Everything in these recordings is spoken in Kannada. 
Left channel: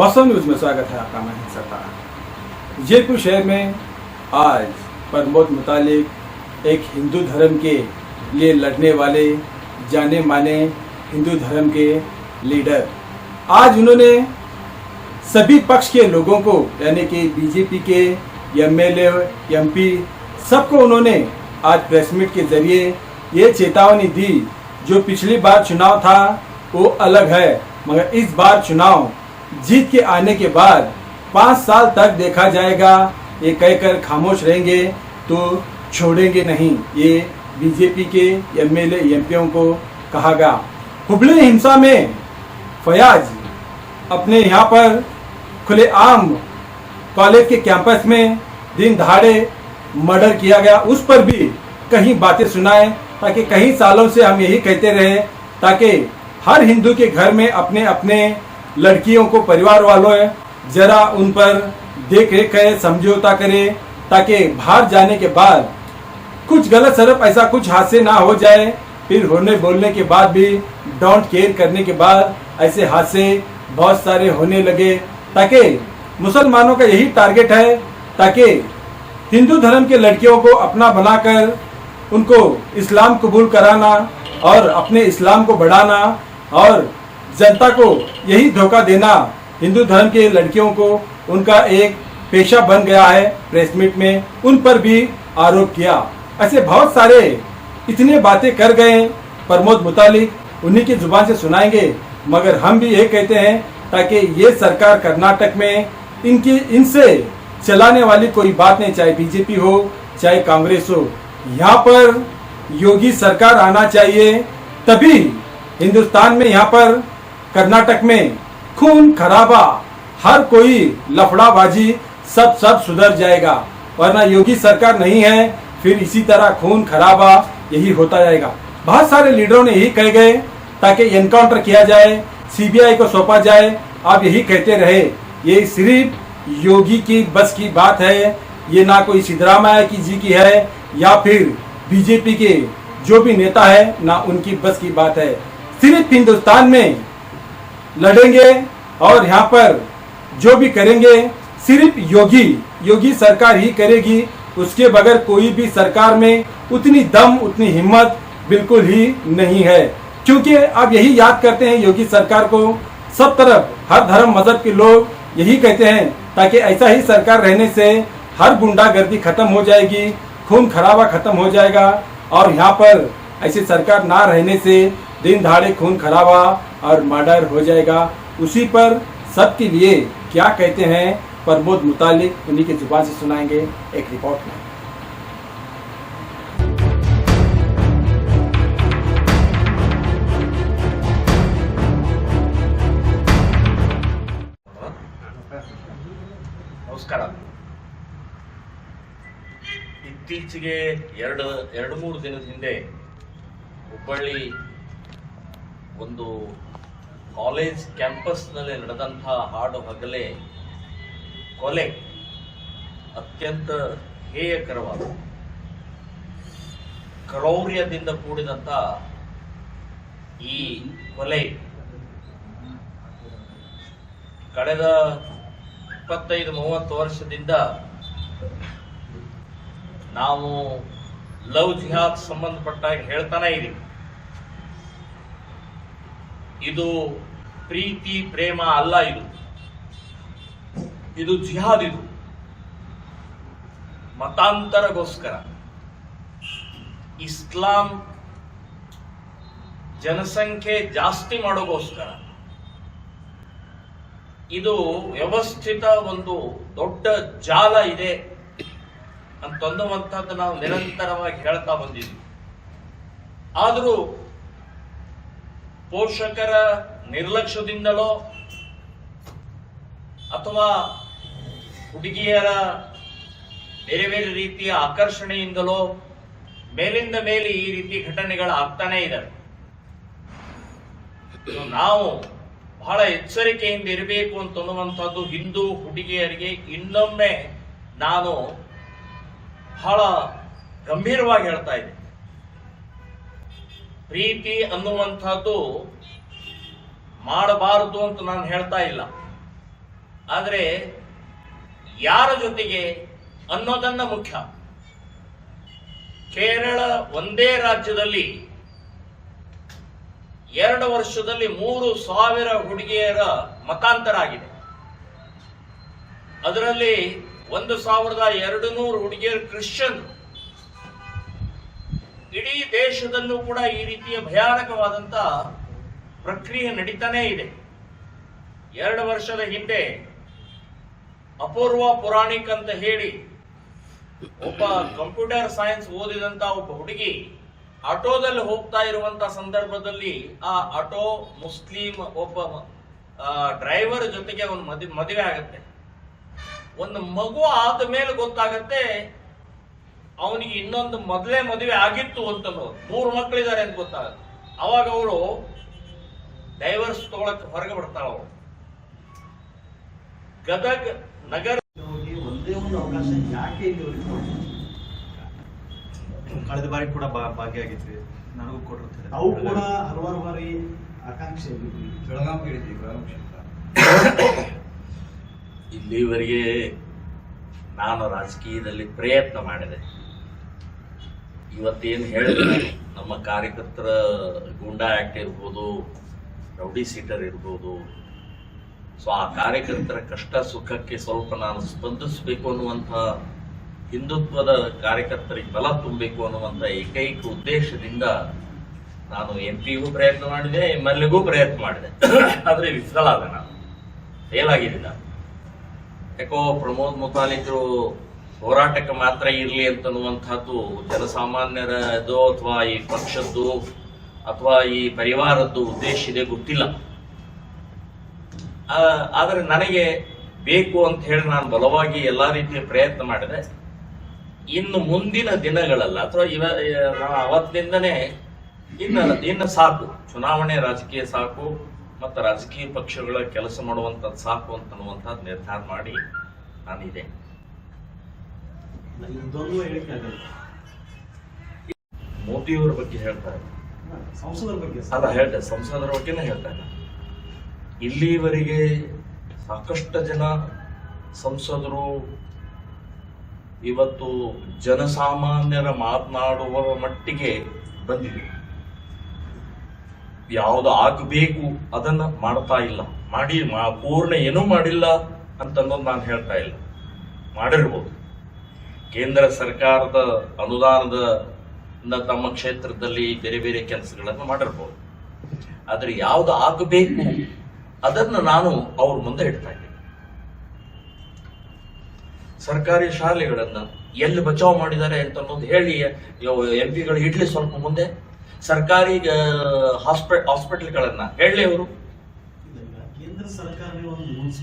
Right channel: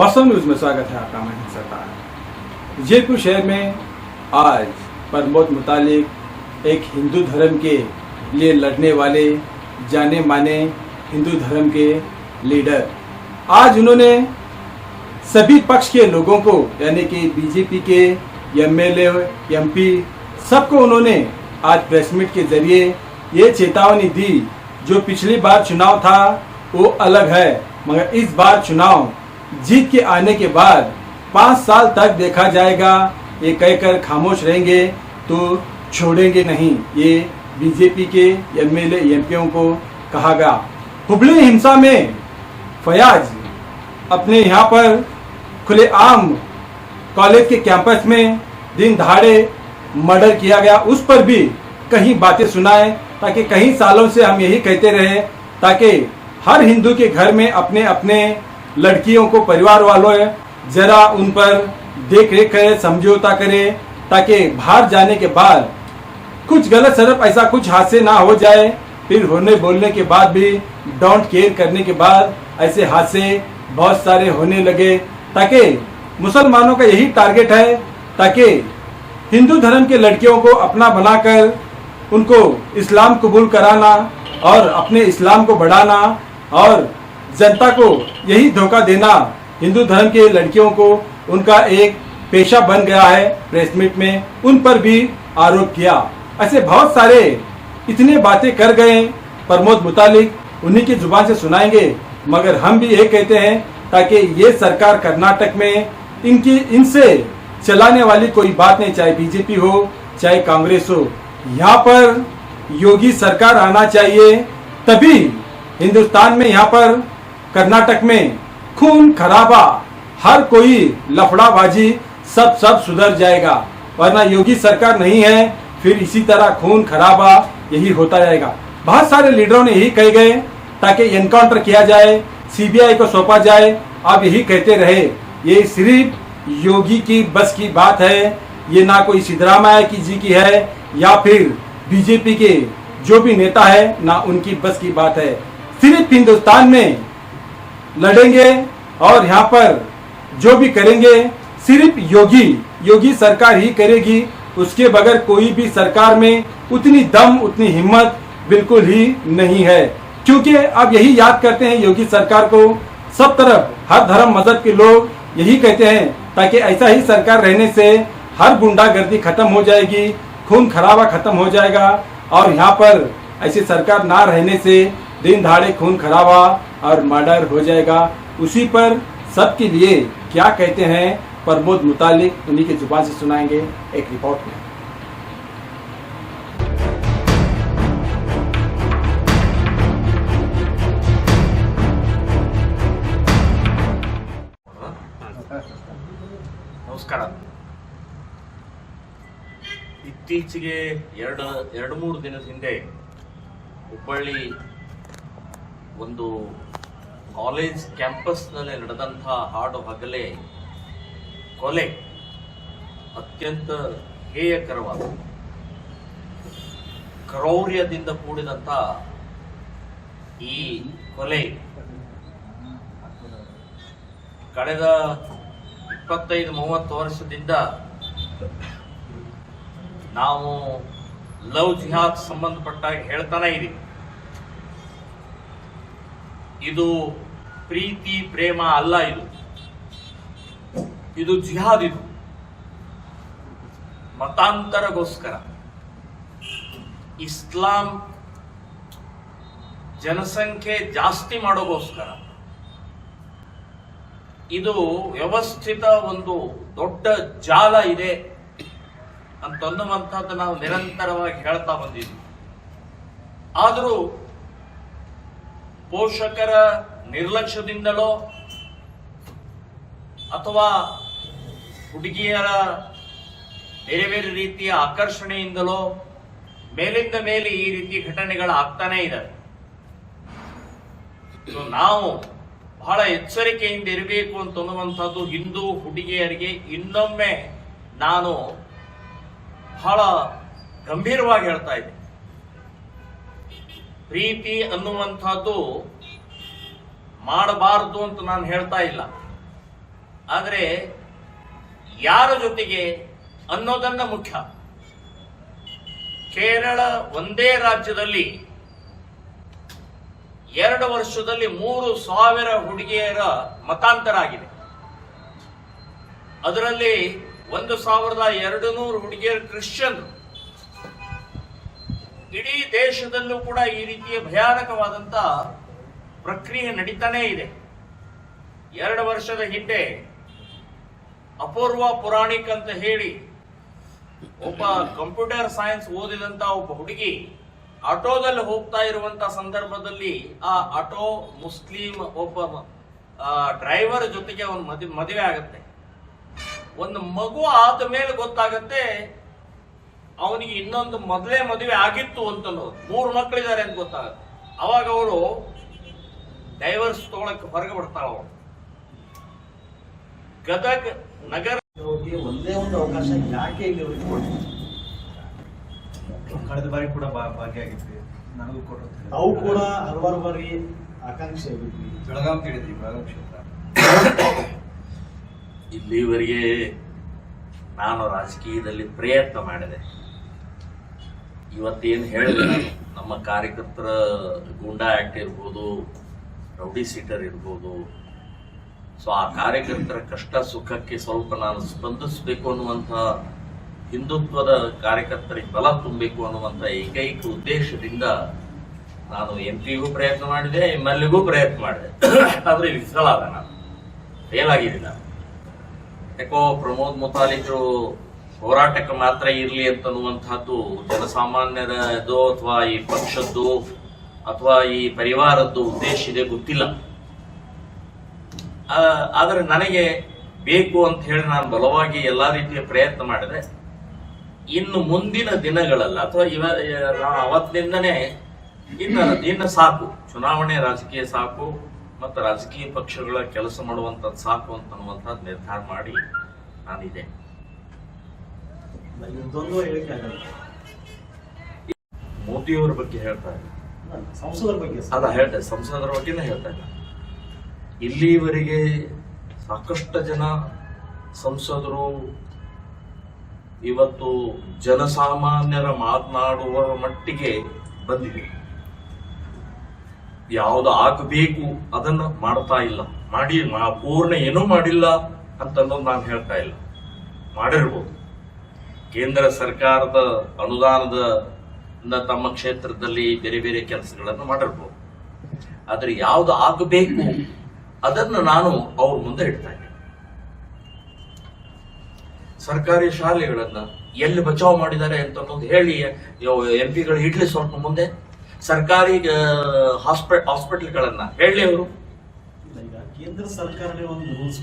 वास्तव न्यूज में स्वागत है आपका। मैं सरदार। जयपुर शहर में आज प्रमोद मुतालिक एक हिंदू धर्म के लिए लड़ने वाले जाने माने हिंदू धर्म के लीडर, आज उन्होंने सभी पक्ष के लोगों को यानी कि बीजेपी के एमएलए एमपी सबको उन्होंने आज प्रेस मीट के जरिए ये चेतावनी दी, जो पिछली बार चुनाव था वो अलग है, मगर इस बार चुनाव जीत के आने के बाद 5 साल तक देखा जाएगा। ये कहकर खामोश रहेंगे तो छोड़ेंगे नहीं, ये बीजेपी के एमएलए एमपीओं को कहा गया। हुबली हिंसा में फयाज अपने यहाँ पर खुलेआम कॉलेज के कैंपस में दिन दहाड़े मर्डर किया गया, उस पर भी कहीं बातें सुनाए, ताकि कई सालों से हम यही कहते रहे ताकि हर हिंदू के घर में अपने अपने लड़कियों को परिवार वालों जरा उन पर देख रेख करे, समझौता करे, ताकि बाहर जाने के बाद कुछ गलत सड़प ऐसा कुछ हादसे ना हो जाए। फिर होने बोलने के बाद भी डोंट केयर करने के बाद ऐसे हादसे बहुत सारे होने लगे, ताकि मुसलमानों का यही टारगेट है ताकि हिंदू धर्म के लड़कियों को अपना बनाकर उनको इस्लाम कबूल कराना और अपने इस्लाम को बढ़ाना और जनता को यही धोखा देना। हिंदू धर्म के लड़कियों को उनका एक पेशा बन गया है। प्रेस मीट में उन पर भी आरोप किया। ऐसे बहुत सारे इतने बातें कर गए प्रमोद मुतालिक, उन्हीं की जुबान से सुनाएंगे। मगर हम भी ये कहते हैं ताकि ये सरकार कर्नाटक में इनसे चलाने वाली कोई बात नहीं, चाहे बीजेपी हो चाहे कांग्रेस हो, यहाँ पर योगी सरकार आना चाहिए, तभी हिंदुस्तान में यहाँ पर कर्नाटक में खून खराबा, हर कोई लफड़ाबाजी सब सुधर जाएगा। वरना योगी सरकार नहीं है, फिर इसी तरह खून खराबा यही होता जाएगा। बहुत सारे लीडरों ने यही कहे गए ताकि एनकाउंटर किया जाए, सीबीआई को सौंपा जाए। आप यही कहते रहे, ये सिर्फ योगी की बस की बात है, ये ना कोई सिद्धरामैया जी की है या फिर बीजेपी के जो भी नेता है, ना उनकी बस की बात है। सिर्फ हिंदुस्तान में लड़ेंगे और यहाँ पर जो भी करेंगे सिर्फ योगी सरकार ही करेगी। उसके बगैर कोई भी सरकार में उतनी दम उतनी हिम्मत बिल्कुल ही नहीं है, क्योंकि अब यही याद करते हैं योगी सरकार को सब तरफ, हर धर्म मजहब के लोग यही कहते हैं ताकि ऐसा ही सरकार रहने से हर गुंडागर्दी खत्म हो जाएगी, खून खराबा खत्म हो जाएगा। और यहाँ पर ऐसी सरकार ना रहने से दिन दहाड़े खून खराबा और मर्डर हो जाएगा। उसी पर सबके लिए क्या कहते हैं प्रमोद मुतालिक, उन्हीं की जुबान से सुनाएंगे एक रिपोर्ट में। ನಮಸ್ಕಾರ। ಇತ್ತೀಚೆಗೆ ಎರಡು ಮೂರು ದಿನದ ಹಿಂದೆ ಹುಬ್ಬಳ್ಳಿ ಒಂದು ಕಾಲೇಜ್ ಕ್ಯಾಂಪಸ್ನಲ್ಲಿ ನಡೆದಂಥ ಹಾಡು ಹಗಲೇ ಕೊಲೆ ಅತ್ಯಂತ ಹೇಯಕರವಾದ ಕ್ರೌರ್ಯದಿಂದ ಕೂಡಿದಂಥ ಈ ಕೊಲೆ ಕಳೆದ 25-30 ವರ್ಷದಿಂದ ನಾವು ಲವ್ ಜಿಹಾದ್ ಸಂಬಂಧಪಟ್ಟಾಗ ಹೇಳ್ತಾನೆ ಇದೀವಿ, ಇದು ಪ್ರೀತಿ ಪ್ರೇಮ ಅಲ್ಲ, ಇದು ಜಿಹಾದ್, ಇದು ಮತಾಂತರಗೋಸ್ಕರ, ಇಸ್ಲಾಂ ಜನಸಂಖ್ಯೆ ಜಾಸ್ತಿ ಮಾಡೋಗೋಸ್ಕರ, ಇದು ವ್ಯವಸ್ಥಿತ ಒಂದು ದೊಡ್ಡ ಜಾಲ ಇದೆ ಅಂತನ್ನುವಂಥದ್ದು ನಾವು ನಿರಂತರವಾಗಿ ಹೇಳ್ತಾ ಬಂದಿದ್ದೀವಿ. ಆದರೂ ಪೋಷಕರ ನಿರ್ಲಕ್ಷ್ಯದಿಂದಲೋ ಅಥವಾ ಹುಡುಗಿಯರ ಬೇರೆ ಬೇರೆ ರೀತಿಯ ಆಕರ್ಷಣೆಯಿಂದಲೋ ಮೇಲಿಂದ ಮೇಲೆ ಈ ರೀತಿ ಘಟನೆಗಳು ಆಗ್ತಾನೆ ಇದ್ದಾವೆ. ನಾವು ಬಹಳ ಎಚ್ಚರಿಕೆಯಿಂದ ಇರಬೇಕು ಅಂತನ್ನುವಂಥದ್ದು ಹಿಂದೂ ಹುಡುಗಿಯರಿಗೆ ಇನ್ನೊಮ್ಮೆ ನಾನು ಬಹಳ ಗಂಭೀರವಾಗಿ ಹೇಳ್ತಾ ಇದ್ದೆ. ಪ್ರೀತಿ ಅನ್ನುವಂಥದ್ದು ಮಾಡಬಾರದು ಅಂತ ನಾನು ಹೇಳ್ತಾ ಇಲ್ಲ. ಆದರೆ ಯಾರ ಜೊತೆಗೆ ಅನ್ನೋದನ್ನ ಮುಖ್ಯ. ಕೇರಳ ಒಂದೇ ರಾಜ್ಯದಲ್ಲಿ 2 ವರ್ಷದಲ್ಲಿ 3,000 ಹುಡುಗಿಯರ ಮತಾಂತರ ಆಗಿದೆ. ಅದರಲ್ಲಿ 1,200 ಹುಡುಗಿಯರು ಕ್ರಿಶ್ಚಿಯನ್. ಇಡೀ ದೇಶದಲ್ಲೂ ಕೂಡ ಈ ರೀತಿಯ ಭಯಾನಕವಾದಂತ ಪ್ರಕ್ರಿಯೆ ನಡೀತಾನೇ ಇದೆ. 2 ವರ್ಷದ ಹಿಂದೆ ಅಪೂರ್ವ ಪುರಾಣಿಕ್ ಅಂತ ಹೇಳಿ ಒಬ್ಬ ಕಂಪ್ಯೂಟರ್ ಸೈನ್ಸ್ ಓದಿದಂತ ಒಬ್ಬ ಹುಡುಗಿ ಆಟೋದಲ್ಲಿ ಹೋಗ್ತಾ ಇರುವಂತ ಸಂದರ್ಭದಲ್ಲಿ ಆ ಆಟೋ ಮುಸ್ಲಿಂ ಒಬ್ಬ ಡ್ರೈವರ್ ಜೊತೆಗೆ ಅವನು ಮದುವೆ ಆಗತ್ತೆ. ಒಂದು ಮಗು ಆದ ಮೇಲೆ ಗೊತ್ತಾಗತ್ತೆ ಅವನಿಗೆ ಇನ್ನೊಂದು ಮೊದಲೇ ಮದುವೆ ಆಗಿತ್ತು ಅಂತ, 3 ಮಕ್ಕಳಿದ್ದಾರೆ ಅಂತ ಗೊತ್ತಾಗತ್ತೆ. ಅವಾಗ ಅವಳು ಡೈವರ್ಸ್ ತಗೊಳಕ್ಕೆ ಹೊರಗೆ ಬರ್ತಾಳ. ಅವಳು ಗದಗ್ ನಗರ ಒಂದೇ ಒಂದು ಅವಕಾಶ ಯಾಕೆ ಇಲ್ಲಿ ಕಳೆದ ಬಾರಿ ಕೂಡ ಭಾಗಿಯಾಗಿದ್ವಿ, ನನಗೂ ಕೊಟ್ಟಿರ್ತೀವಿ. ನಾವು ಕೂಡ ಹಲವಾರು ಬಾರಿ ಆಕಾಂಕ್ಷೆ ಬೆಳಗಾಂ ಕೇಳಿದ್ವಿ, ಬೆಳಗಾಂ ಕ್ಷೇತ್ರ. ಇಲ್ಲಿವರೆಗೆ ನಾನು ರಾಜಕೀಯದಲ್ಲಿ ಪ್ರಯತ್ನ ಮಾಡಿದೆ. ಇವತ್ತೇನು ಹೇಳಿದೆ ನಾನು, ನಮ್ಮ ಕಾರ್ಯಕರ್ತರ ಗೂಂಡಾ ಆಕ್ಟ್ ಇರ್ಬೋದು, ರೌಡಿ ಸೀಟರ್ ಇರ್ಬೋದು, ಸೊ ಆ ಕಾರ್ಯಕರ್ತರ ಕಷ್ಟ ಸುಖಕ್ಕೆ ಸ್ವಲ್ಪ ನಾನು ಸ್ಪಂದಿಸಬೇಕು ಅನ್ನುವಂಥ ಹಿಂದುತ್ವದ ಕಾರ್ಯಕರ್ತರಿಗೆ ಬಲ ತುಂಬಬೇಕು ಅನ್ನುವಂಥ ಏಕೈಕ ಉದ್ದೇಶದಿಂದ ನಾನು MP ಗೂ ಪ್ರಯತ್ನ ಮಾಡಿದೆ, MLA ಗೂ ಪ್ರಯತ್ನ ಮಾಡಿದೆ. ಆದರೆ ವಿಫಲ ಆದ, ನಾನು ಫೇಲ್ ಆಗಿದ್ದೀನಿ. ನಾನು ಯಾಕೋ ಪ್ರಮೋದ್ ಮುತಾಲಿಕರು ಹೋರಾಟಕ್ಕೆ ಮಾತ್ರ ಇರಲಿ ಅಂತನ್ನುವಂಥದ್ದು ಜನಸಾಮಾನ್ಯರದ್ದು ಅಥವಾ ಈ ಪಕ್ಷದ್ದು ಅಥವಾ ಈ ಪರಿವಾರದ್ದು ಉದ್ದೇಶ ಇದೆ ಗೊತ್ತಿಲ್ಲ. ಆದರೆ ನನಗೆ ಬೇಕು ಅಂತ ಹೇಳಿ ನಾನು ಬಲವಾಗಿ ಎಲ್ಲಾ ರೀತಿಯ ಪ್ರಯತ್ನ ಮಾಡಿದೆ. ಇನ್ನು ಮುಂದಿನ ದಿನಗಳಲ್ಲ ಅಥವಾ ಅವತ್ತಿನಿಂದನೇ ಇನ್ನು ಸಾಕು, ಚುನಾವಣೆ ರಾಜಕೀಯ ಸಾಕು ಮತ್ತು ರಾಜಕೀಯ ಪಕ್ಷಗಳ ಕೆಲಸ ಮಾಡುವಂಥದ್ದು ಸಾಕು ಅಂತನ್ನುವಂಥದ್ದು ನಿರ್ಧಾರ ಮಾಡಿ ನಾನಿದೆ. ಮೋದಿಯವರ ಬಗ್ಗೆ ಹೇಳ್ತಾ ಇಲ್ಲ, ಸಂಸದರ ಬಗ್ಗೆ ಸಂಸದರ ಬಗ್ಗೆನೇ ಹೇಳ್ತಾ ಇಲ್ಲ. ಇಲ್ಲಿವರೆಗೆ ಸಾಕಷ್ಟು ಜನ ಸಂಸದರು ಇವತ್ತು ಜನಸಾಮಾನ್ಯರ ಮಾತನಾಡುವ ಮಟ್ಟಿಗೆ ಬಂದಿದೆ. ಯಾವುದು ಆಗಬೇಕು ಅದನ್ನ ಮಾಡ್ತಾ ಇಲ್ಲ, ಪೂರ್ಣ ಏನೂ ಮಾಡಿಲ್ಲ ಅಂತನ್ನೋದು ನಾನು ಹೇಳ್ತಾ ಇಲ್ಲ. ಮಾಡಿರ್ಬೋದು, ಕೇಂದ್ರ ಸರ್ಕಾರದ ಅನುದಾನದ ತಮ್ಮ ಕ್ಷೇತ್ರದಲ್ಲಿ ಬೇರೆ ಬೇರೆ ಕೆಲಸಗಳನ್ನು ಮಾಡಿರ್ಬೋದು. ಆದರೆ ಯಾವುದು ಆಗಬೇಕು ಅದನ್ನು ನಾನು ಅವ್ರ ಮುಂದೆ ಇಡ್ತಾ ಇದ್ದೇನೆ. ಸರ್ಕಾರಿ ಶಾಲೆಗಳನ್ನ ಎಲ್ಲಿ ಬಚಾವ್ ಮಾಡಿದ್ದಾರೆ ಅಂತ ಅನ್ನೋದು ಹೇಳಿ MP ಗಳು ಇಡ್ಲಿ ಸ್ವಲ್ಪ ಮುಂದೆ. ಸರ್ಕಾರಿ ಹಾಸ್ಪಿಟಲ್ಗಳನ್ನ ಹೇಳಿ ಅವರು ಕೇಂದ್ರ ಸರ್ಕಾರನೇ ಒಂದು ರೂಲ್ಸ್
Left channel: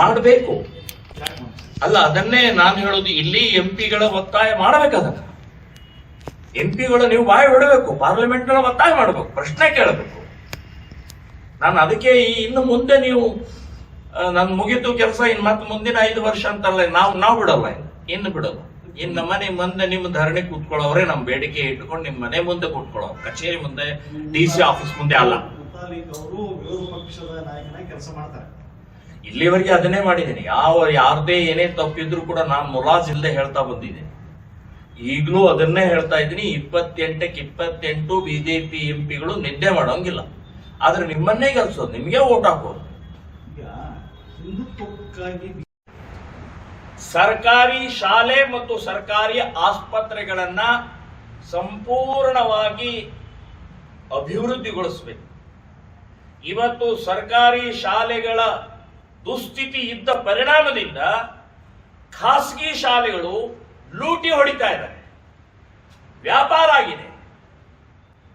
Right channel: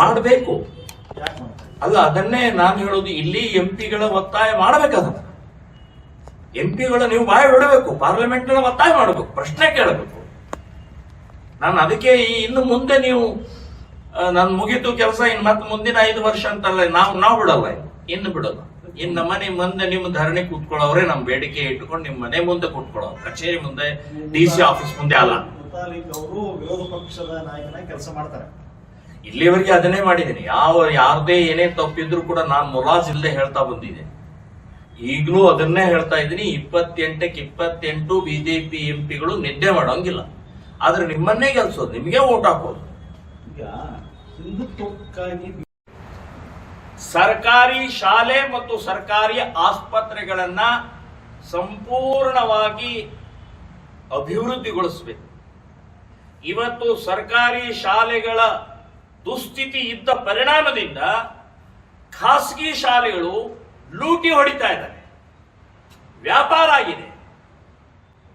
ಮಾಡಬೇಕು. ಅಲ್ಲ, ಅದನ್ನೇ ನಾನು ಹೇಳೋದು, ಇಲ್ಲಿ MP ಗಳ ಒತ್ತಾಯ ಮಾಡಬೇಕದನ್ನ. MP ಗಳು ನೀವು ಬಾಯಿ ಬಿಡಬೇಕು, ಪಾರ್ಲಿಮೆಂಟ್ ಗಳ ಒತ್ತಾಯ ಮಾಡಬೇಕು, ಪ್ರಶ್ನೆ ಕೇಳಬೇಕು. ನಾನು ಅದಕ್ಕೆ ಇನ್ನು ಮುಂದೆ ನೀವು ನನ್ ಮುಗಿತು ಕೆಲಸ, ಇನ್ನು ಮತ್ತೆ ಮುಂದಿನ 5 ವರ್ಷ ಅಂತಲ್ಲ, ನಾವು ಬಿಡಲ್ಲ, ಇನ್ನು ಬಿಡಲ್ಲ. ಇನ್ನು ನಮ್ಮ ಮನೆ ಮುಂದೆ ನಿಮ್ಮ ಧರಣಿ ಕೂತ್ಕೊಳ್ಳೋವ್ರೆ ನಮ್ಮ ಬೇಡಿಕೆ ಇಟ್ಕೊಂಡು ನಿಮ್ಮ ಮನೆ ಮುಂದೆ ಕೂತ್ಕೊಳ್ಳೋ, ಕಚೇರಿ ಮುಂದೆ, DC ಆಫೀಸ್ ಮುಂದೆ ಅಲ್ಲ. ಅವರು ವಿರೋಧ ಪಕ್ಷದ ನಾಯಕನಾಗಿ ಕೆಲಸ ಮಾಡ್ತಾರೆ. ಇಲ್ಲಿವರೆಗೆ ಅದನ್ನೇ ಮಾಡಿದ್ದೀನಿ. ಯಾರದೇ ಏನೇ ತಪ್ಪಿದ್ರು ಕೂಡ ನಾನು ಮುಲಾಜಿಲ್ಲದೆ ಹೇಳ್ತಾ ಬಂದಿದ್ದೀನಿ. ಈಗಲೂ ಅದನ್ನೇ ಹೇಳ್ತಾ ಇದ್ದೀನಿ. 28ಕ್ಕೆ 28 BJP MP ಗಳು ನಿದ್ದೆ ಮಾಡೋಂಗಿಲ್ಲ. ಆದ್ರೆ ನಿಮ್ಮನ್ನೇ ಗೆಲ್ಸೋದು, ನಿಮಗೆ ಓಟ್ ಹಾಕೋದು. ಸರ್ಕಾರಿ ಶಾಲೆ ಮತ್ತು ಸರ್ಕಾರಿ ಆಸ್ಪತ್ರೆಗಳನ್ನ ಸಂಪೂರ್ಣವಾಗಿ ಅಭಿವೃದ್ಧಿಗೊಳಿಸಬೇಕು. ಇವತ್ತು ಸರ್ಕಾರಿ ಶಾಲೆಗಳ ದುಸ್ಥಿತಿ ಇದ್ದ ಪರಿಣಾಮದಿಂದ ಖಾಸಗಿ ಶಾಲೆಗಳು ಲೂಟಿ ಹೊಡಿತಾ ಇದ್ದಾರೆ, ವ್ಯಾಪಾರ ಆಗಿದೆ.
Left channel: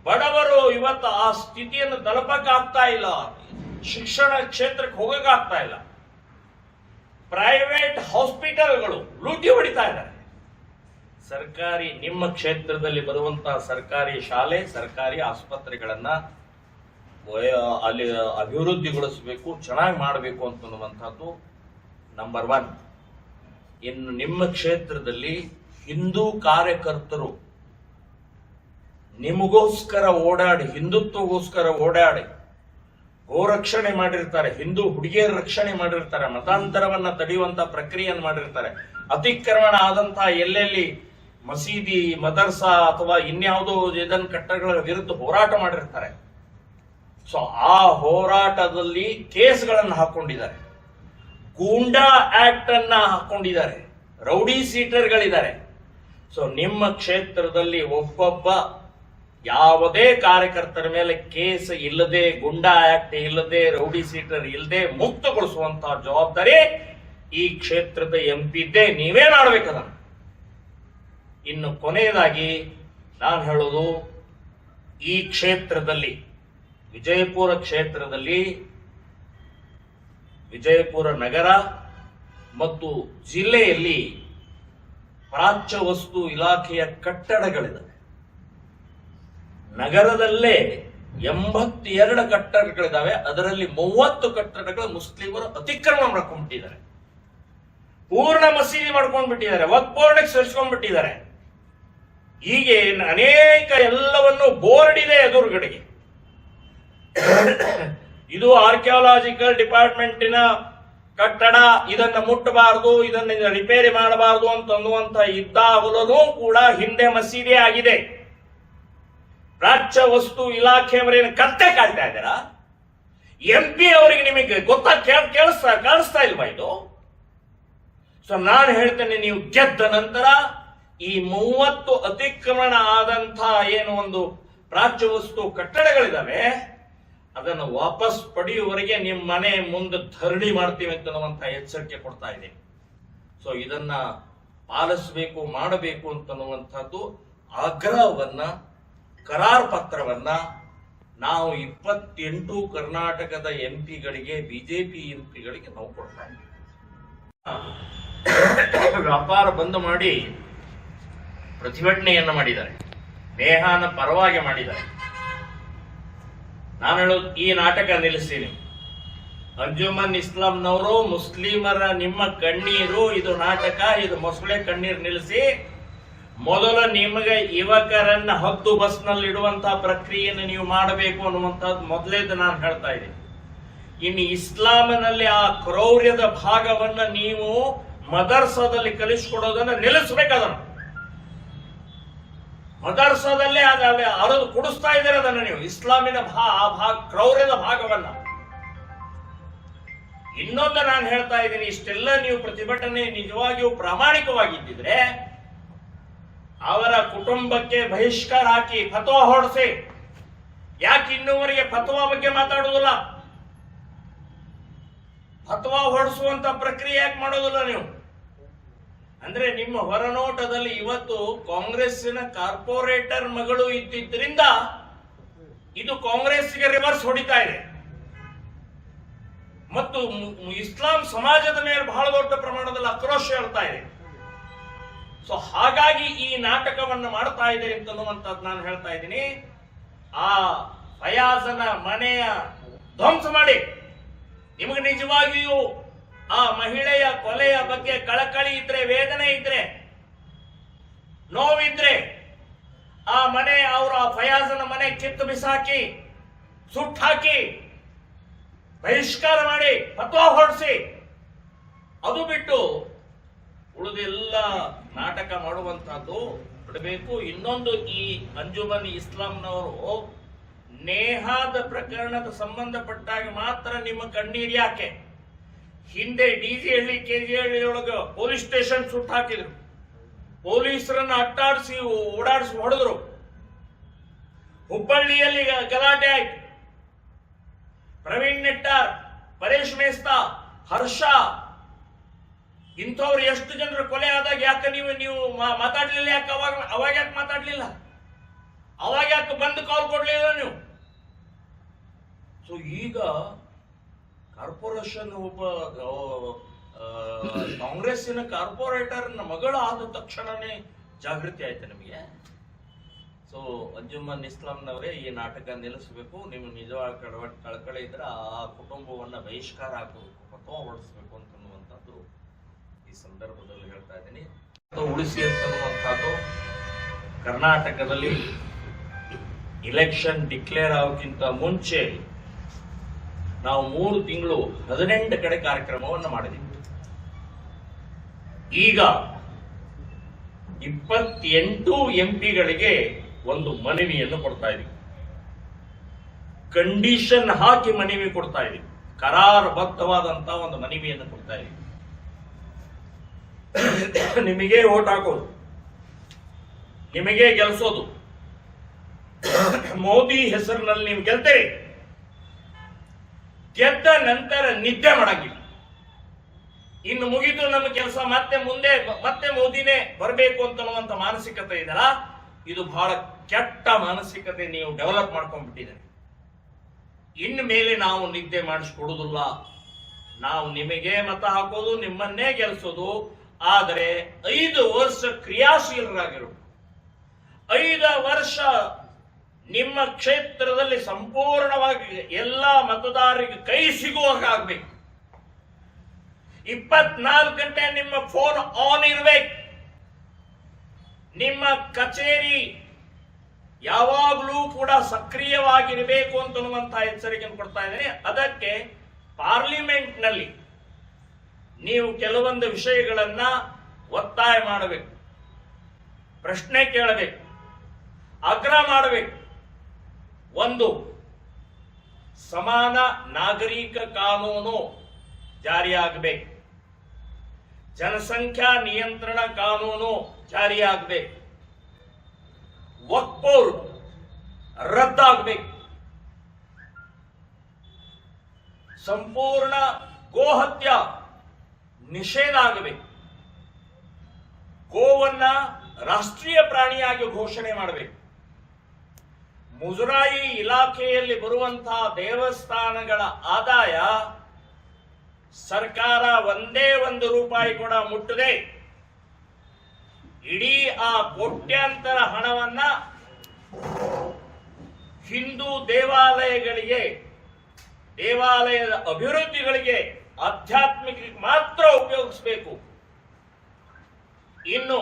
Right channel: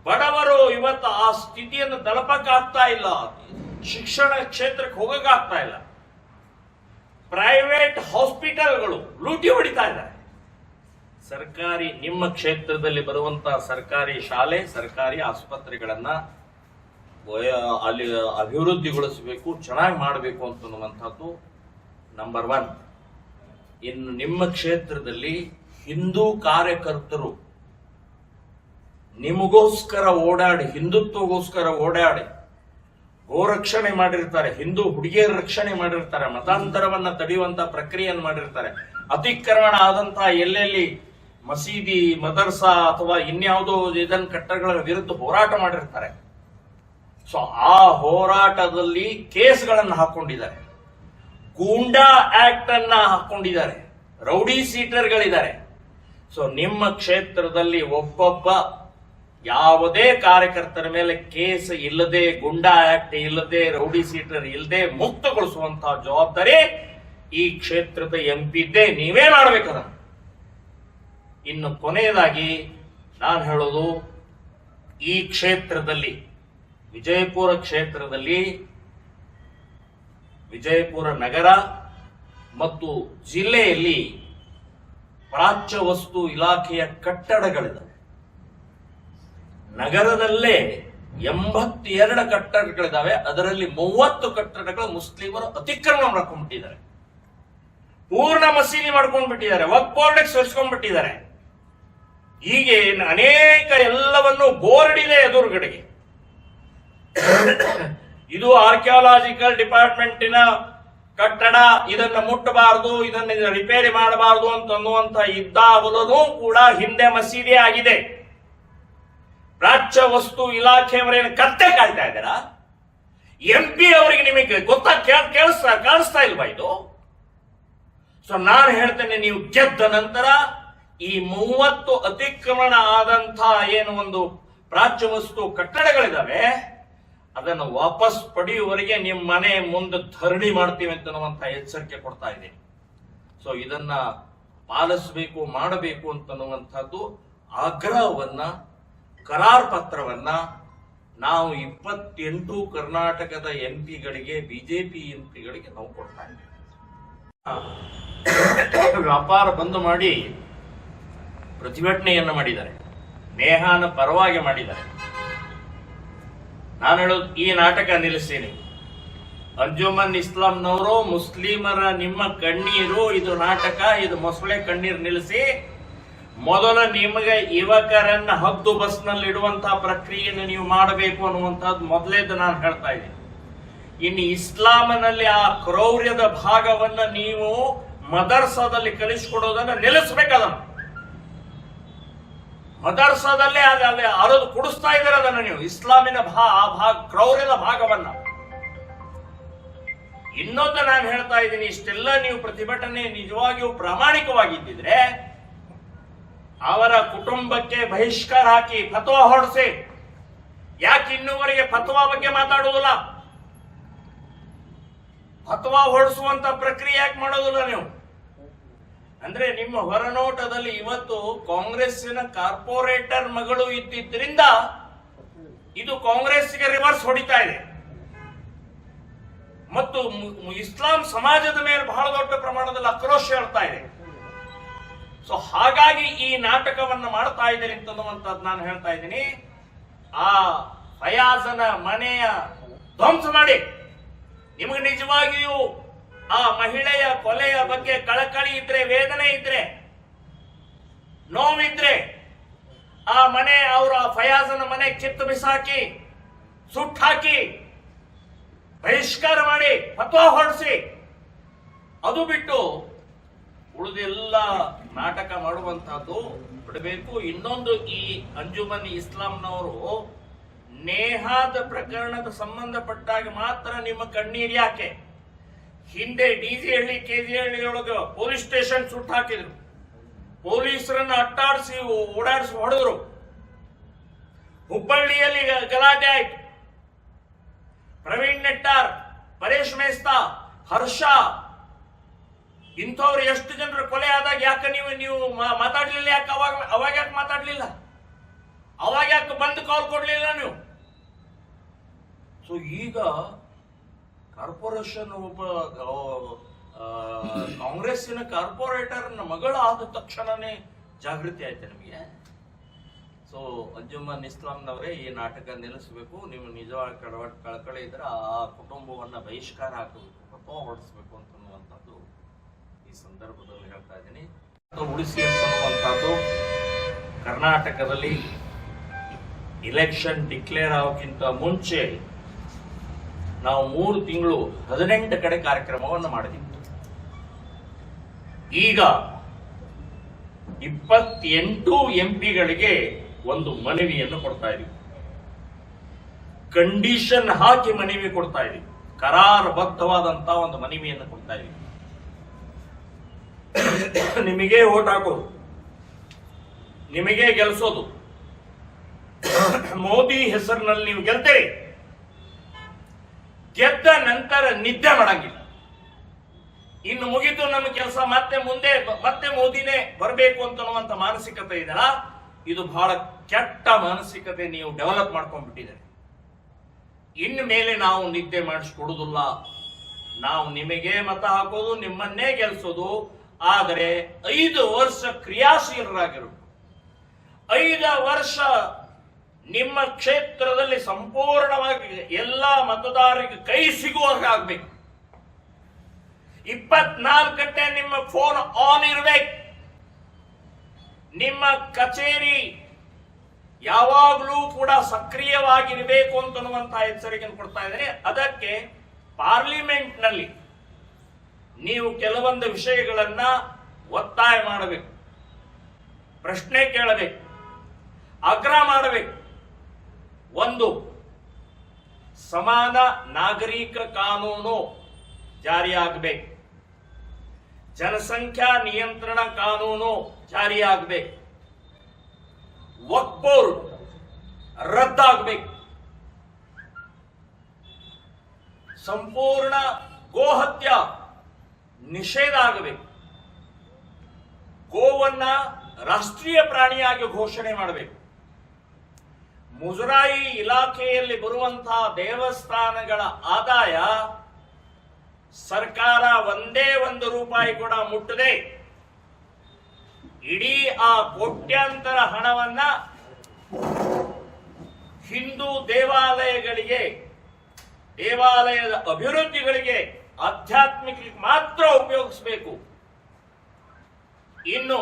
ಬಡವರು ಇವತ್ತು ಆ ಸ್ಥಿತಿಯನ್ನು ತಲುಪಕ್ಕಾಗ್ತಾ ಇಲ್ಲ, ಶಿಕ್ಷಣ ಕ್ಷೇತ್ರಕ್ಕೆ ಹೋಗಕ್ಕಾಗ್ತಾ ಇಲ್ಲ. ಪ್ರೈವೇಟ್ ಹಾಸ್ಪಿಟಲ್ಗಳು ಲೂಟಿ ಹೊಡಿತಾ ಇದ್ದಾರೆ. ಸರ್ಕಾರಿ, ನಿಮ್ಮ ಕ್ಷೇತ್ರದಲ್ಲಿ ಬರುವಂತಹ ಸರ್ಕಾರಿ ಶಾಲೆ, ಸರ್ಕಾರಿ ಆಸ್ಪತ್ರೆಗಳನ್ನ ಅಲ್ಲಿ ಅಭಿವೃದ್ಧಿಗೊಳಿಸಬೇಕು, ಚೆನ್ನಾಗಿ ಮಾಡಬೇಕು ಅಂತನ್ನುವಂಥದ್ದು ನಂಬರ್ 1. ಇನ್ನು ನಿಮ್ಮ ಕ್ಷೇತ್ರದಲ್ಲಿ ಹಿಂದೂ ಕಾರ್ಯಕರ್ತರು ನಿಮಗೋಸ್ಕರ ಓಡಾಡಿ, ಹಿಂದುತ್ವಗೋಸ್ಕರ ಓಡಾಡಿ ಗೋರಕ್ಷಣೆ ಮಾಡಿರ್ತಾರೆ, ಹಿಂದೂ ಹುಡುಗಿಯರ ರಕ್ಷಣೆ ಮಾಡಿರ್ತಾರೆ, ಮತಾಂತರವನ್ನ ತಡೆಯುವಂತ ಪ್ರಕ್ರಿಯೆಯನ್ನು ಮಾಡಿರ್ತಾರೆ, ಅತಿಕ್ರಮಣ ಆದಂತಹ ಎಲ್ಲೆಲ್ಲಿ ಮಸೀದಿ, ಮದರ್ಸಾ ಅಥವಾ ಇನ್ಯಾವುದೋ ಇದನ್ನ ಕಟ್ಟಡಗಳ ವಿರುದ್ಧ ಹೋರಾಟ ಮಾಡಿರ್ತಾರೆ. ಸೊ ಆ ಹೋರಾಟದಲ್ಲಿ ಕೇಸ್ಗಳನ್ನು ಹಾಕೊಂಡಿದ್ದಾರೆ, ಗೂಂಡಾ ಆಕ್ಟ್ ಅನ್ನ ಹಾಕೊಂಡಿದ್ದಾರೆ, ರೌಡಿ ಸೀಟರ್ಗಳಿದ್ದಾರೆ. ಸೊ ನಿಮ್ಮ ಕ್ಷೇತ್ರದಲ್ಲಿ ಒಬ್ಬೊಬ್ಬ ಯಾವುದೇ ಕಾರ್ಯಕರ್ತರ ಮೇಲೆ ಕೇಸ್ ಇಲ್ಲದೆ, ಗುಂಡಾ ಆಕ್ಟ್ ಇಲ್ಲದೆ, ರೌಡಿ ಸೀಟರ್ ಇಲ್ಲದೆ ಮುಕ್ತಗೊಳಿಸುವಂತಹ ಜವಾಬ್ದಾರಿ ಈ ಕ್ಷೇತ್ರದ ಎಂಪಿದ್ದೇ, ನೀವೇ ಮಾಡಬೇಕದನ್ನು. ಇನ್ನು ಕೊನೆಯದಾಗಿ ನಾನು ಹೇಳೋದು, ಈ ಕ್ಷೇತ್ರದಲ್ಲಿ ವಿಜಯಪುರ ಕ್ಷೇತ್ರದಲ್ಲಿ ವಿಜಯಪುರ ನಗರ ಮತ್ತು ಜಿಲ್ಲೆಯಲ್ಲಿ ಪ್ರಾಚ್ಯ ವಸ್ತು ಇಲಾಖೆಯ ಕಟ್ಟಡಗಳಿವೆ. ನಗರದಲ್ಲೇ 82 ಕಟ್ಟಡಗಳಿದಾವೆ. ಅದರಲ್ಲಿ 30 ಕಟ್ಟಡಗಳು ಮುಸ್ಲಿಮರು ಅತಿಕ್ರಮಣ ಮಾಡ್ಕೊಂಡ್ಬಿಟ್ಟಿದ್ದಾರೆ, ಪೂರ್ಣ ಮಸೀದಿ ಮಾಡ್ಕೊಂಡ್ಬಿಟ್ಟಿದ್ದಾರೆ, ವಕ್ಫ್ ಬೋರ್ಡ್ಗೆ ಸೇರಿಸ್ಕೊಂಡ್ಬಿಟ್ಟಿದ್ದಾರೆ. ಹೀಗೆ ಅನೇಕ ಎಲ್ಲವನ್ನು ಬೋರ್ಡ್ ಇದೆ ಎದುರುಗಡೆಗೆ. ಇದು ಆರ್ಕಿಯಾಲಜಿಕಲ್ ಡಿಪಾರ್ಟ್ಮೆಂಟಿನ ಕಟ್ಟಡ, ಇದನ್ನ ಮುಟ್ಟಬಾರದು, ಇದನ್ನ ರಿಪೇರಿ ಮಾಡಬಾರದು ಅಂತನ್ನುವಂತ ಇದ್ದಾಗಲೂ ಕೂಡ ಹಿಂದೆ ಮಸೀದಿ ಆಗಿದೆ. ಪ್ರಾಚ್ಯ ವಸ್ತು ಇಲಾಖೆಯವರೇನು ಕತ್ತೆ ಕಾಡ್ತಾ ಇದ್ದಾರಾ? MP ಅವರಿಗೆ ನಿಮಗೆ ಕಾಣಿಸ್ತಾ ಇಲ್ವಾ ಇದು? ಸೊ ನಾನು ಹೇಳ್ತೇನೆ, ನೀವು ಗೆದ್ದ ನಂತರ ಈ 30 ಅತಿಕ್ರಮಣ ಆದಂತ ಏನು ಒಂದು ಪ್ರಾಚ್ಯ ವಸ್ತು ಕಟ್ಟಡಗಳಿದಾವೆ, ಅದನ್ನು ವಾಪಸ್ ಪಡೆಯುವವರೆಗೆ ನಿಮ್ಮ ಮನೆ ಮುಂದೆ ಧರಣಿ ಮಾಡ್ತೀವಿ ಅಂತನ್ನುವಂತ ಎಚ್ಚರಿಕೆ ಕೊಡ್ತಾ ಇದ್ದೀನಿ. ಸೊ ಇದನ್ನ ಪಾಲಿಸಬೇಕು, ಮಾಡಬೇಕು ಅಂತನ್ನುವಂಥದ್ದು ಆಗ್ರಹವನ್ನ, ಕರಾರ್ ಪತ್ರವನ್ನ ನಾವು 28 ಕರ್ನಾಟಕದ ಎಂಪಿಗಳಿಗೆ, ಬಿಜೆಪಿ ಎಂಪಿಗಳಿಗೆ ನಾವು ಕೊಡ್ತಾ ಇದ್ದೀವಿ. ವ್ಯಾಪಾರ ಬಂದ್ ಮಾಡಿ ಪ್ರತಿಭಟನೆಯನ್ನ ಮಾಡಿದ್ದಾರೆ, ನೇಹಾನ ಪರವಾಗಿ ಮಾಡಿದ್ದಾರೆ. ನಾನು ಹೇಳೋದು, ಈ ನಾಟಕ ನಿಲ್ಲಿಸಿ. ನೀವು ಅಂಜುಮನ್ ಇಸ್ಲಾಂನವರು ಮುಸ್ಲಿಮರ ನಿಮ್ಮ ಕಣ್ಣೀರು ಇದು ನಾಟಕ, ಇದು ಮೊಸಳೆ ಕಣ್ಣೀರು ನಿಲ್ಲಿಸಿ ಮೊದಲು ನಿಮಗೆ ಯುವಕರನ್ನ ಹದ್ದು ಬಸ್ನಲ್ಲಿ ಇಡುವಂತಹ ಪ್ರಕ್ರಿಯೆಯನ್ನು ನೀವು ಮಾಡಬೇಕು ಅನ್ನುವಂಥದ್ದು ಮೊದಲೇದು ನಾನು ಹೇಳ್ತಾ ಇದ್ದೀನಿ. ಇನ್ನು ಇಸ್ಲಾಮಿನಲ್ಲಿ ಆ ಕ್ರೌರ್ಯದ ಭಾಗವನ್ನ ನೀವು ಮದರ್ಸಾದಲ್ಲಿ ಕಲಿಸಿಕೊಡೋದನ್ನ ನಿಲ್ಲಿಸಬೇಕದನ್ನು. ಮದರ್ಸಾದಲ್ಲೇ ಅಲ್ಲಿ ಅರದು ಕುಡಿಸ್ತಾ ಇದ್ದಾರೆ ಅದನ್ನು ನೀವು, ಇಸ್ಲಾಮಿನ ಕ್ರೌರ್ಯದ ಭಾಗವನ್ನ. ಇನ್ನೊಂದು ನಾನು ಹೇಳ್ತಾ ಇದ್ದೀನಿ, ಇಷ್ಟೆಲ್ಲ ನೀವು ಪ್ರತಿಭಟನೆ ನಿಜವಾಗಿಯೂ ಪ್ರಾಮಾಣಿಕವಾಗಿದ್ದಿದ್ರೆ ಅವರ ಕುಟುಂಬಕ್ಕೆ ಬಹಿಷ್ಕಾರ ಹಾಕಿ ಫತ್ವಾ ಹೊರಡಿಸಿ. ಯಾಕೆ ಇನ್ನೂವರೆಗೆ ಫತ್ವಾ ಬಗ್ಗೆ ಮಾತಾಡೋದಿಲ್ಲ? ಫತ್ವಾ ಹೊರಡಿಸುವಂತ ಪ್ರಕ್ರಿಯೆ ಯಾಕೆ ಮಾಡೋದಿಲ್ಲ ನೀವು? ಅಂದ್ರೆ ನಿಮ್ಮ ಹೊರನೋಟದಲ್ಲಿ ಇವತ್ತು ಕಾಂಗ್ರೆಸ್ಸಿನ ಕಾರ್ಪೊರೇಟರ್ ಮಗಳು ಇದ್ದಿದ್ರಿಂದ ಇದು ಕಾಂಗ್ರೆಸ್ಗೆ ರಿವರ್ಸ್ ಹೊಡಿತಾ ಇದೆ ಮತ್ತು ಇಸ್ಲಾಂ ಸಮಾಜದ ಮೇಲೆ ಬಹಳ ದೊಡ್ಡ ಪ್ರಮಾಣದಲ್ಲಿ ಆಕ್ರೋಶ ಹೇಳ್ತಾ ಇದೆ. ಸೊ ಹಾಗಾಗಿ ಈ ನಾಟಕವನ್ನು ಮಾಡ್ತಾ ಇದ್ದೀರಿ ಅಂತನ್ನುವಂಥದ್ದು ನಾನು ಹೇಳ್ತಾ ಇದ್ದೀನಿ. ಆ ಫಯಾಜನ ಮನೆಯ ಧ್ವಂಸ ಮಾಡಿ, ನಿಮಗೆ ನಿಜವಾಗಿಯೂ ಆ ಮಹಿಳೆಯ ಕೊಲೆಯ ಬಗ್ಗೆ ಕಳಕಳಿ ಇದ್ರೆ, ವೇದನೆ ಇದ್ರೆ, ನೋವಿದ್ರೆ ಆ ಮನೆ, ಅವರ ಫಯಾಜನ ಮನೆ ಕಿತ್ತು ಬಿಸಾಕಿ, ಸುಟ್ಟಾಕಿ, ಬಹಿಷ್ಕಾರ ಮಾಡಿ, ಫತ್ವಾ ಹೊರಡಿಸಿ. ಅದು ಬಿಟ್ಟು ಉಳಿದೆಲ್ಲ ನಾಟಕ ಮಾಡುವಂತಹದ್ದು ಬಿಡಬೇಕು. ಇನ್ನೊಂದು, ಈ ಅಂಜುಮನ್ ಇಸ್ಲಾಂನವರು ನೇಹಾದ ಪ್ರಕರಣದ ಸಂಬಂಧಪಟ್ಟಾಗ ಮಾತ್ರ ನಿಮ್ಮ ಕಣ್ಣೀರು ಯಾಕೆ? ಹಿಂದೆ DG-ಹಳ್ಳಿ, KG-ಹಳ್ಳಿ ಒಳಗೆ ಪೊಲೀಸ್ ಸ್ಟೇಷನ್ ಸುಟ್ಟು ಹಾಕಿದ್ರು, ಪೊಲೀಸರನ್ನ ಅಟ್ಟಾಡಿಸಿ ಓಡಾಡಿಸಿ ಹೊಡೆದ್ರು. ಹುಬ್ಬಳ್ಳಿಯಲ್ಲಿ ಗಲಾಟೆ ಆಯ್ತು. ಪ್ರವೀಣ್ ನೆಟ್ಟಾರ್, ಪರೇಶ್ ಮೇಸ್ತಾ, ಹರ್ಷ, ಇಂಥವ್ರು ಎಷ್ಟು ಜನರು ಕೊಲೆ ಆದಾಗ ಯಾಕೆ ನೀವು ಮಾತಾಡ್ಲಿಲ್ಲ? ಯಾಕೆ ಅವಾಗ ಯಾಕೆ ಮಾತಾಡ್ಲಿಲ್ಲ? ಅವಾಗ ಯಾಕೆ ಬಂದು ಕಾಲ್ ಕೊಡ್ಲಿಲ್ಲ ನೀವು? ಸೊ ಈಗ ಕಾರ್ಪೊರೇಷನ್ ಒಬ್ಬ ಕಾಂಗ್ರೆಸ್ಸಿನ ಕಾರ್ಪೊರೇಟರ್ ಮಗಳ ಆದ ತಕ್ಷಣನೇ ಜಾಗೃತಿ ಆಯ್ತು ನಿಮಗೆ. ಸೊ ಅಂಜುಮನ್ ಇಸ್ಲಾಂನವರೇ, ಈ ನಾಟಕ ನಿಲ್ಲಿಸಬೇಕು. ನೀವು ನಿಜವಾಗಿ ಕಳಕಳಿ ಇದ್ರೆ ಆ ಕುಟುಂಬವನ್ನ ಬಹಿಷ್ಕಾರ ಹಾಕಬೇಕು, ಫತ್ವಾ ಹೊರಡಿಸಬೇಕು ಅಂತನ್ನುವಂಥದ್ದು ಈ ಸಂದರ್ಭದಲ್ಲಿ ಹೇಳ್ತಾ ಇದ್ದೀನಿ. ಉಳಿಸಿ ಅಂತನ್ನುವಂಥದ್ದು ಕರ್ನಾಟಕದಲ್ಲಿ ಇಲೆಕ್ಷನ್ ಡಿಕ್ಲೇರ್ ಆಗೋಕ್ಕಿಂತ ಮುಂಚೆ ನಾವು 3 ತಿಂಗಳು 18 ಕಡೆ ಕಾರ್ಯಕ್ರಮವನ್ನು ಮಾಡಿದ್ದೀವಿ. ಈಗ 28 ಎಂಪಿಗಳಿಗೆ ಒಂದು ಮನವಿಯನ್ನು ಕೊಡ್ತಾ ಇದೀವಿ. ಕಂಡೀಷನ್ ಹಾಕಿ ಮನವಿ ಕೊಡ್ತಾ ಇದೀವಿ. ಕರಾರಬದ್ಧವಾದಂತಹ ಒಂದು ಮನವಿಯನ್ನು ಕೊಡ್ತಾ ಇದೀವಿ. ನಿಮಗೆ ಓಟ್ ಹಾಕೋದು, ನಿಮಗೆ ಗೆಲ್ಸೋದು, ಮೋದಿ ಹೆಸರಿನಲ್ಲಿ ನೀವು ಗೆಲ್ತೀರಿ. ಗೆದ್ದ ನಂತರ ನಿದ್ದೆ ಮಾಡಂಗಿಲ್ಲ. ಇನ್ನು ಮುಗಿದು ನಮ್ಮ ಕೆಲಸ ಮತ್ತೆ ಮೋದಿನೇ ಬರಬೇಕು ಅಂತನ್ನುವಂತ ಮಾನಸಿಕತೆ ಇದೆಯಲ್ಲ, ಇದು ಬಹಳ ಕೆಟ್ಟ ಮಾನಸಿಕತೆ ನೀವು ಡೆವಲಪ್ ಮಾಡ್ಕೊಂಡ್ಬಿಟ್ಟಿದ್ದಾರೆ. ಇನ್ನು ಮೇಲೆ ನಾವು ನಿದ್ದೆ ಮಾಡಿಸ್ಕೊಡುದಿಲ್ಲ. ನಾವು ನಿಮಗೆ ಮತ ಹಾಕೋದು, ನಿಮ್ಮನ್ನೇ ಗೆಲ್ಸೋದು. ಆದರೆ 5 ವರ್ಷ ಕ್ರಿಯಾಶೀಲರಾಗಿರಬೇಕು. 5 ವರ್ಷ ನಿಮ್ಮ ಕ್ಷೇತ್ರದಲ್ಲಿ ಸಂಪೂರ್ಣವಾಗಿ ಎಲ್ಲ ಮತದಾರರಿಗೆ ಕೈ ಸಿಗುವಾಗ ಆಗ್ಬೇಕು. 24 ಗಂಟೆ ನಿಮ್ಮ ಫೋನ್ ಆನ್ ಇರಬೇಕು. ನಿಮ್ಮ ಕಚೇರಿ ಯಾವಾಗಲೂ ಕೂಡ ಸಕ್ರಿಯವಾಗಿರಬೇಕು ಅಂತನ್ನುವಂತಹ ಎಚ್ಚರಿಕೆಯನ್ನು ಕೊಡ್ತಾ ಇದ್ದೇನೆ. ಅದಕ್ಕೆ ಪಾರ್ಲಿಮೆಂಟ್ ನಲ್ಲಿ ನೀವು ಕೆಲವೊಂದು ವಿಷಯಗಳನ್ನ ಒತ್ತಾಯ ಮಾಡಬೇಕು, ಪ್ರಶ್ನೆ ಕೇಳಬೇಕು, ಆಗ್ರಹ ಮಾಡಬೇಕು. ಒಂದು, ಸಮಾನ ನಾಗರಿಕ ಕಾನೂನು ಜಾರಿಯಾಗಬೇಕು. ಜನಸಂಖ್ಯಾ ನಿಯಂತ್ರಣ ಕಾನೂನು ಜಾರಿಯಾಗಬೇಕು. ವಕ್ಫ್ ಬೋರ್ಡ್ ರದ್ದಾಗಬೇಕು. ಸಂಪೂರ್ಣ ಗೋಹತ್ಯ ನಿಷೇಧ ಆಗಬೇಕು. ಗೋವನ್ನ ರಾಷ್ಟ್ರೀಯ ಪ್ರಾಣಿಯಾಗಿ ಘೋಷಣೆ ಮಾಡಬೇಕು. ಮುಜರಾಯಿ ಇಲಾಖೆಯಲ್ಲಿ ಬರುವಂತಹ ದೇವಸ್ಥಾನಗಳ ಆದಾಯ ಸರ್ಕಾರ ಒಂದೇ ₹1 ಕೂಡ ಮುಟ್ಟದೆ ಇಡೀ ಆ ಕೋಟ್ಯಾಂತರ ಹಣವನ್ನ ಹಿಂದೂ ದೇವಾಲಯಗಳಿಗೆ, ದೇವಾಲಯದ ಅಭಿವೃದ್ಧಿಗಳಿಗೆ, ಆಧ್ಯಾತ್ಮಿಕ ಮಾತ್ರ ಉಪಯೋಗಿಸಬೇಕು. ಇನ್ನು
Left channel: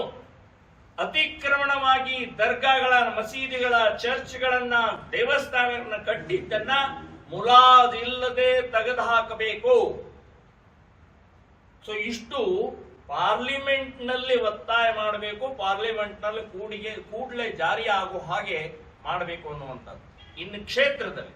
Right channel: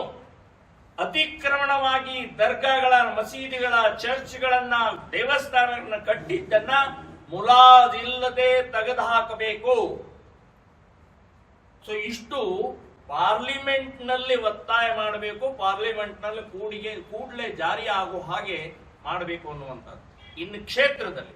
ಅತಿಕ್ರಮಣವಾಗಿ ದರ್ಗಾಗಳ, ಮಸೀದಿಗಳ, ಚರ್ಚ್ಗಳನ್ನ, ದೇವಸ್ಥಾನಗಳನ್ನ ಕಟ್ಟಿದ್ದನ್ನ ಮುಲಾಜಿಲ್ಲದೆ ತೆಗೆದು ಹಾಕಬೇಕು. ಸೊ ಇಷ್ಟು ಪಾರ್ಲಿಮೆಂಟ್ ನಲ್ಲಿ ಒತ್ತಾಯ ಮಾಡಬೇಕು. ಪಾರ್ಲಿಮೆಂಟ್ ನಲ್ಲಿ ಕೂಡಲೇ ಜಾರಿ ಆಗೋ ಹಾಗೆ ಮಾಡಬೇಕು ಅನ್ನುವಂಥದ್ದು. ಇನ್ನು ಕ್ಷೇತ್ರದಲ್ಲಿ